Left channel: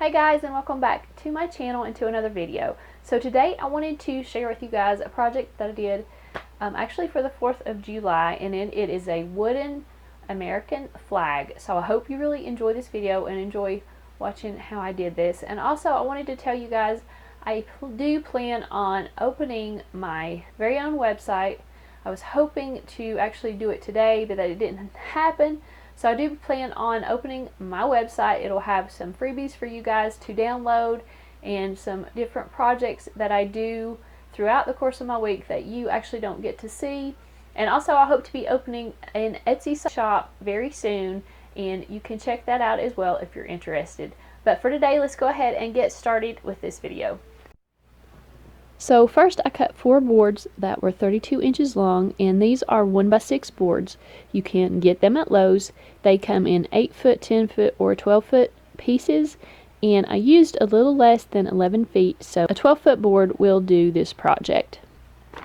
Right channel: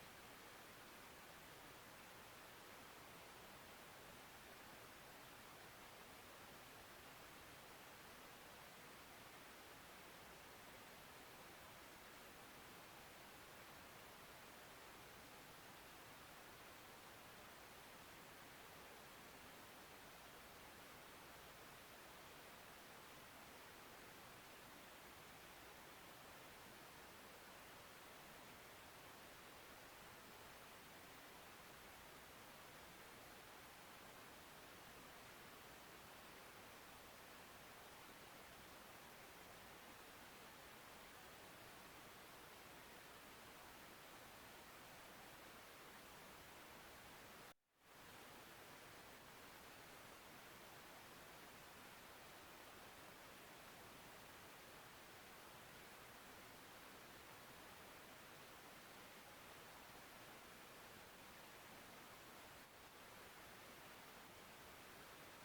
Hi guys, and welcome back to my channel and to another video. So today I wanted to share with you guys a project that I did actually for the 4th of July, and it is a wooden American flag. So I hope you really enjoy this video and enjoy watching how I did this. And also I wanted to tell you guys I do plan on opening my very own website. I was hoping to actually do it today, but it didn't happen. So I do plan on opening my website. It'll have some freebies for you guys to download and some different projects that I do throughout the course of my week that you actually don't get to see. And also I hope to be opening an Etsy shop very soon, and you can check that out as well if you're interested. But for today, let's go ahead and get started with this video. So first I cut 4 boards that were 32 inches long, and these are 1x6 boards. You can get them at Lowe's. They come in 8 foot, 10 foot, or 12 foot pieces, and I used a little less than 11 feet, so a 12 foot board will do this project.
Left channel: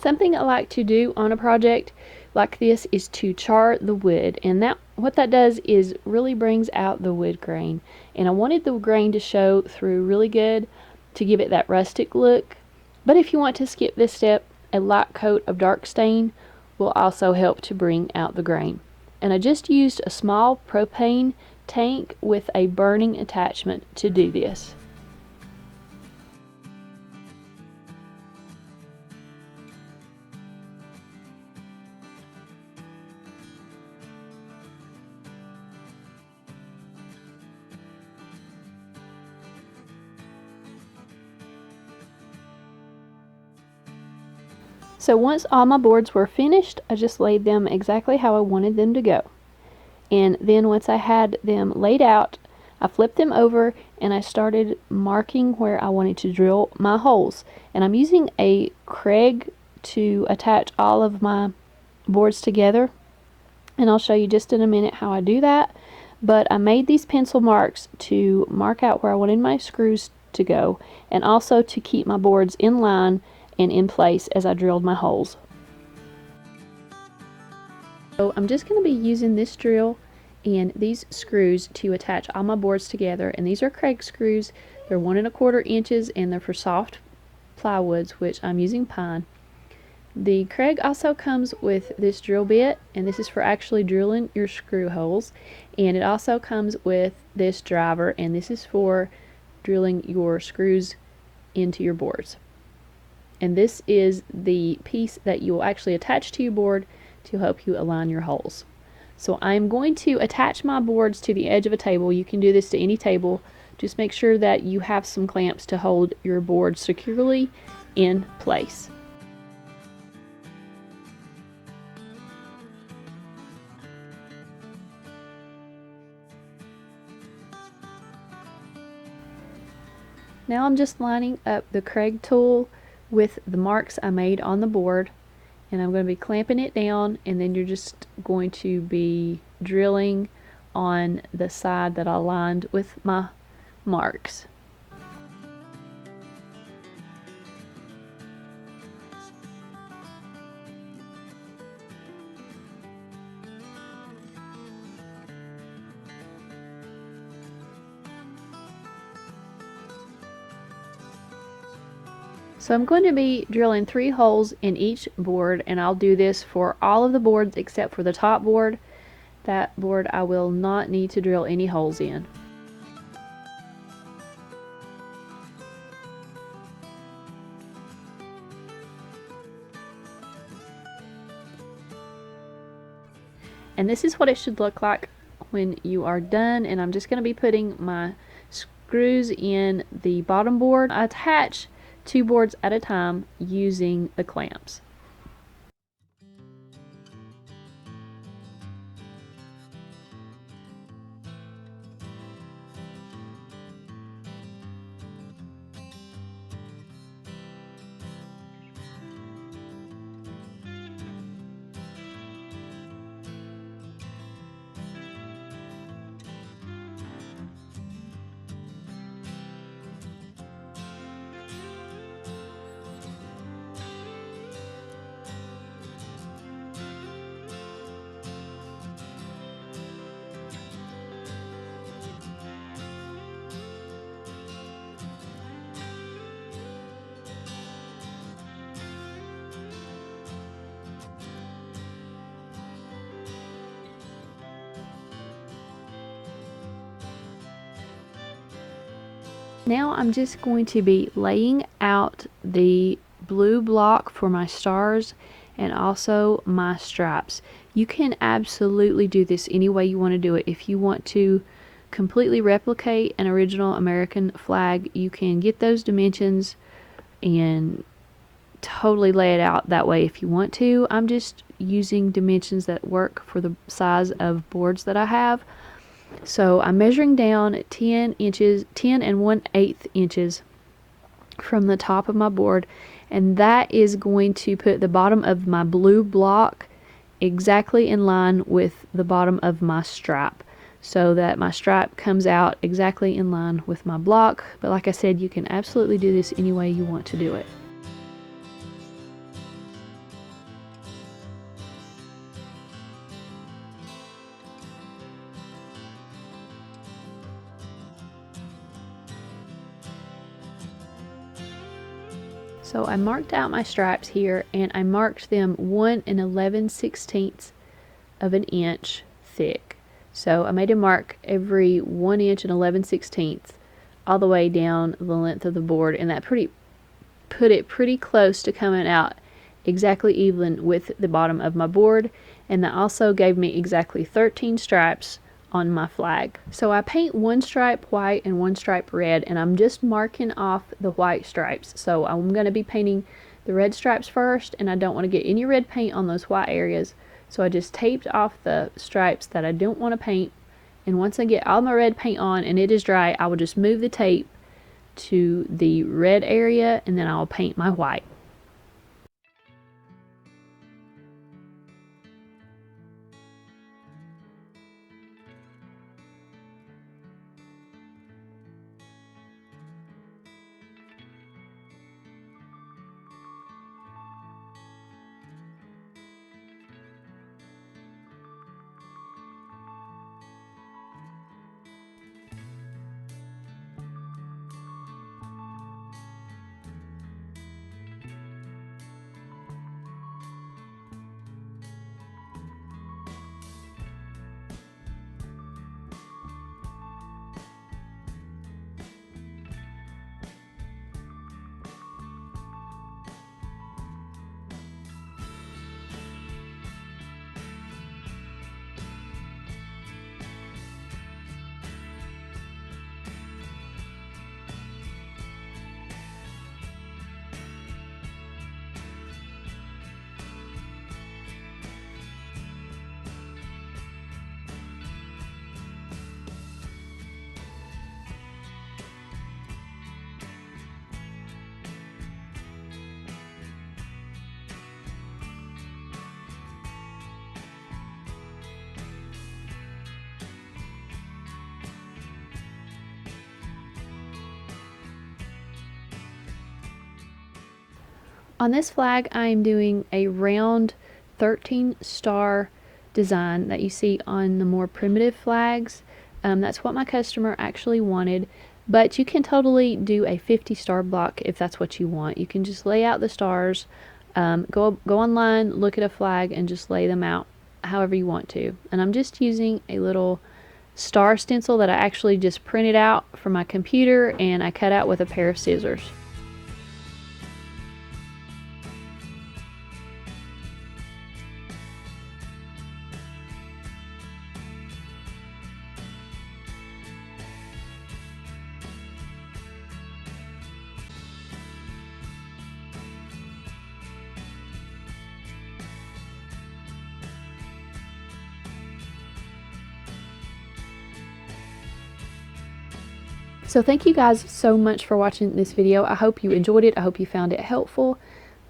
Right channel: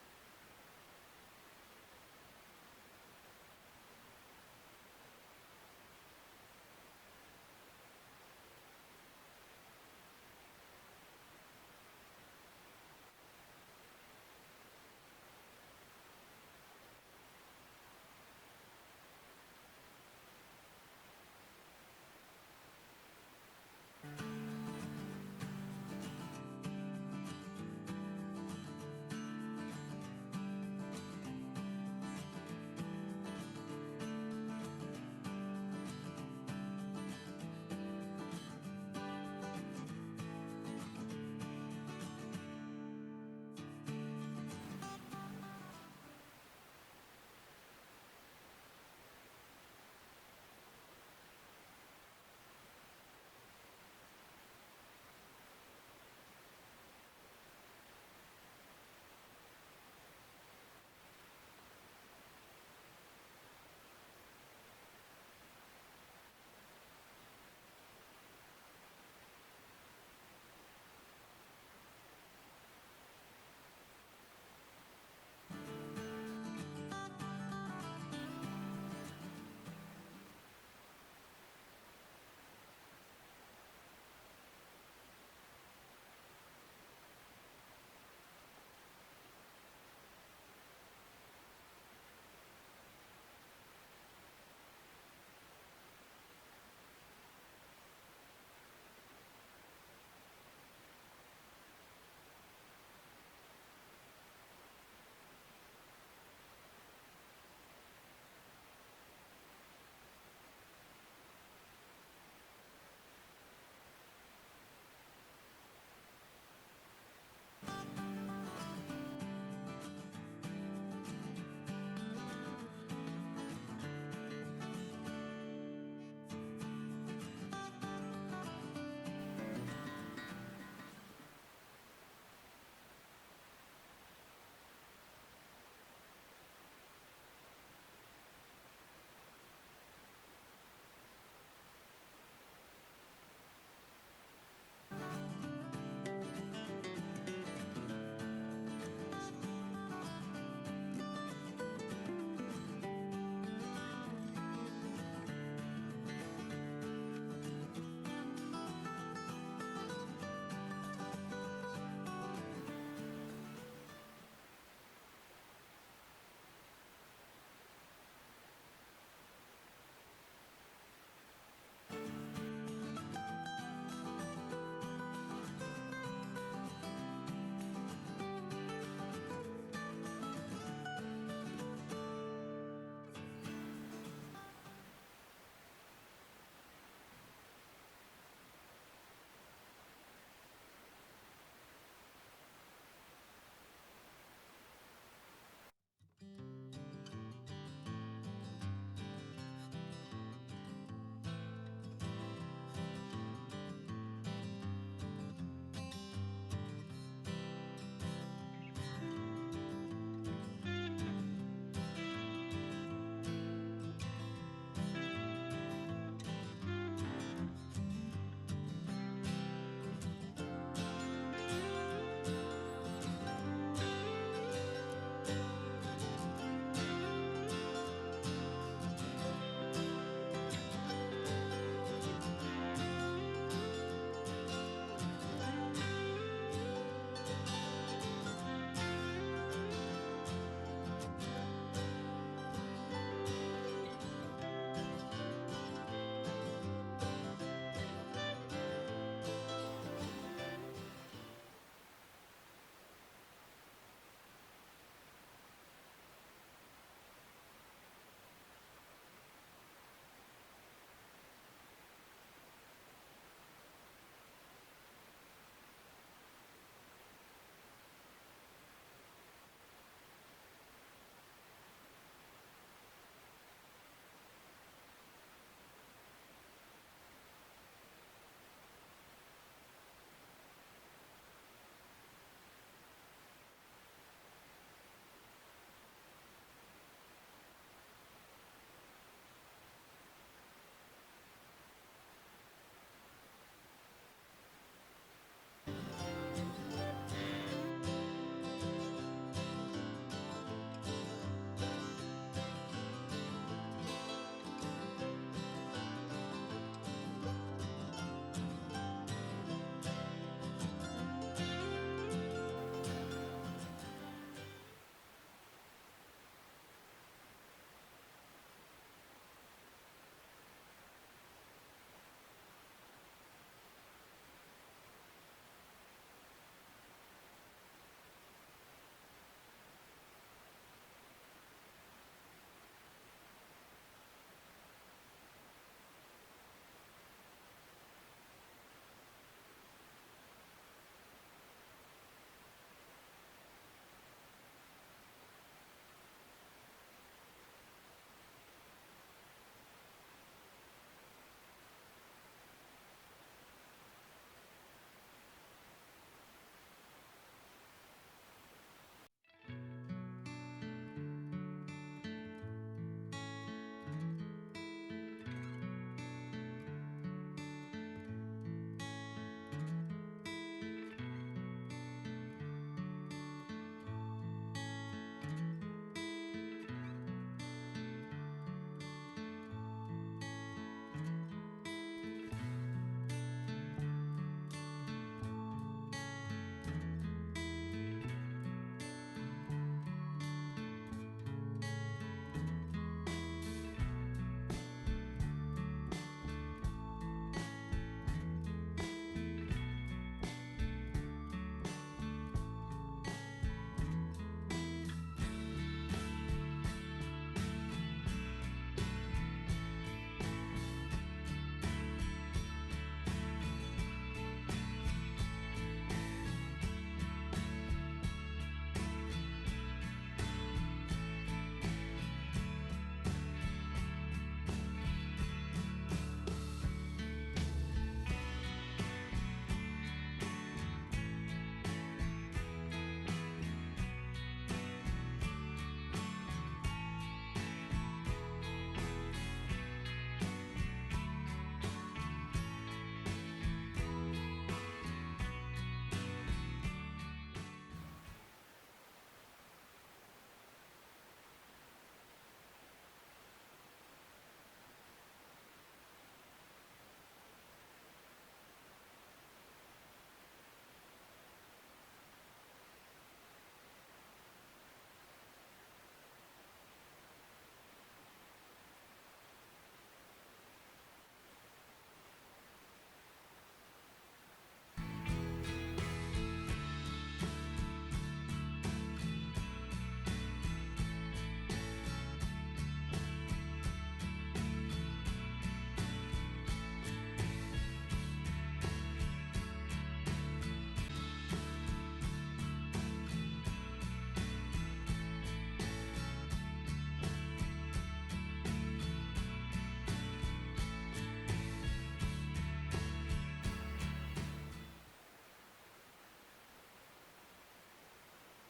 Something I like to do on a project like this is to char the wood, and what that does is really brings out the wood grain, and I wanted the grain to show through really good to give it that rustic look. But if you want to skip this step, a light coat of dark stain will also help to bring out the grain. And I just used a small propane tank with a burning attachment to do this. So once all my boards were finished, I just laid them exactly how I wanted them to go. And then once I had them laid out, I flipped them over and I started marking where I wanted to drill my holes. And I'm using a Kreg to attach all of my boards together. And I'll show you just in a minute how I do that. But I made these pencil marks to mark out where I wanted my screws to go, and also to keep my boards in line and in place as I drilled my holes. So I'm just going to be using this drill and these screws to attach all my boards together, and these are Kreg screws. They're 1 1/4 inches, and they're for soft plywoods, which I'm using pine. The Kreg also comes with this drill bit, and this is for actually drilling your screw holes, and it also comes with this driver, and this is for drilling your screws into your boards. And this is the piece that you will actually attach to your board to help you align your holes. So I'm going to attach my boards to the edge of a table. You can do this to any table. Just make sure that you have some clamps to hold your board securely in place. Now I'm just lining up the Kreg tool with the marks I made on the board, and I'm going to be clamping it down, and then you're just going to be drilling on the side that I lined with my marks. So I'm going to be drilling 3 holes in each board, and I'll do this for all of the boards except for the top board. That board I will not need to drill any holes in. And this is what it should look like when you are done, and I'm just going to be putting my screws in the bottom board. I attach 2 boards at a time using the clamps. Now I'm just going to be laying out the blue block for my stars and also my stripes. You can absolutely do this any way you want to do it. If you want to completely replicate an original American flag, you can get those dimensions and totally lay it out that way if you want to. I'm just using dimensions that work for the size of boards that I have. So I'm measuring down 10 and 1/8 inches from the top of my board, and that is going to put the bottom of my blue block exactly in line with the bottom of my stripe, so that my stripe comes out exactly in line with my block. But like I said, you can absolutely do this any way you want to do it. So I marked out my stripes here, and I marked them 1 11/16 of an inch thick. So I made a mark every 1 inch and 11/16 all the way down the length of the board, and that put it pretty close to coming out exactly even with the bottom of my board, and that also gave me exactly 13 stripes on my flag. So I paint one stripe white and one stripe red, and I'm just marking off the white stripes. So I'm going to be painting the red stripes first, and I don't want to get any red paint on those white areas. So I just taped off the stripes that I don't want to paint, and once I get all my red paint on and it is dry, I will just move the tape to the red area, and then I'll paint my white. On this flag, I am doing a round 13 star design that you see on the more primitive flags. That's what my customer actually wanted, but you can totally do a 50 star block if that's what you want. You can just lay out the stars, go online, look at a flag, and just lay them out however you want to. And I'm just using a little star stencil that I actually just printed out from my computer, and I cut out with a pair of scissors. So thank you guys so much for watching this video. I hope you enjoyed it. I hope you found it helpful.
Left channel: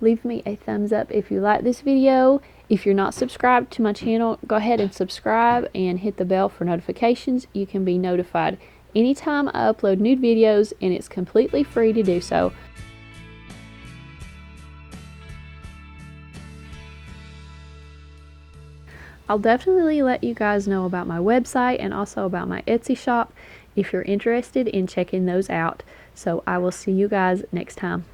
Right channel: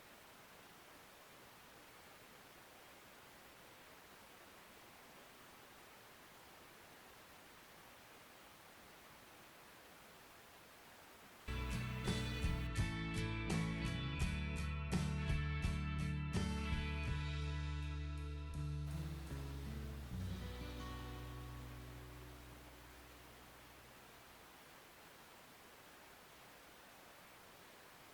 Leave me a thumbs up if you like this video. If you're not subscribed to my channel, go ahead and subscribe and hit the bell for notifications. You can be notified anytime I upload new videos, and it's completely free to do so. I'll definitely let you guys know about my website and also about my Etsy shop if you're interested in checking those out. So I will see you guys next time.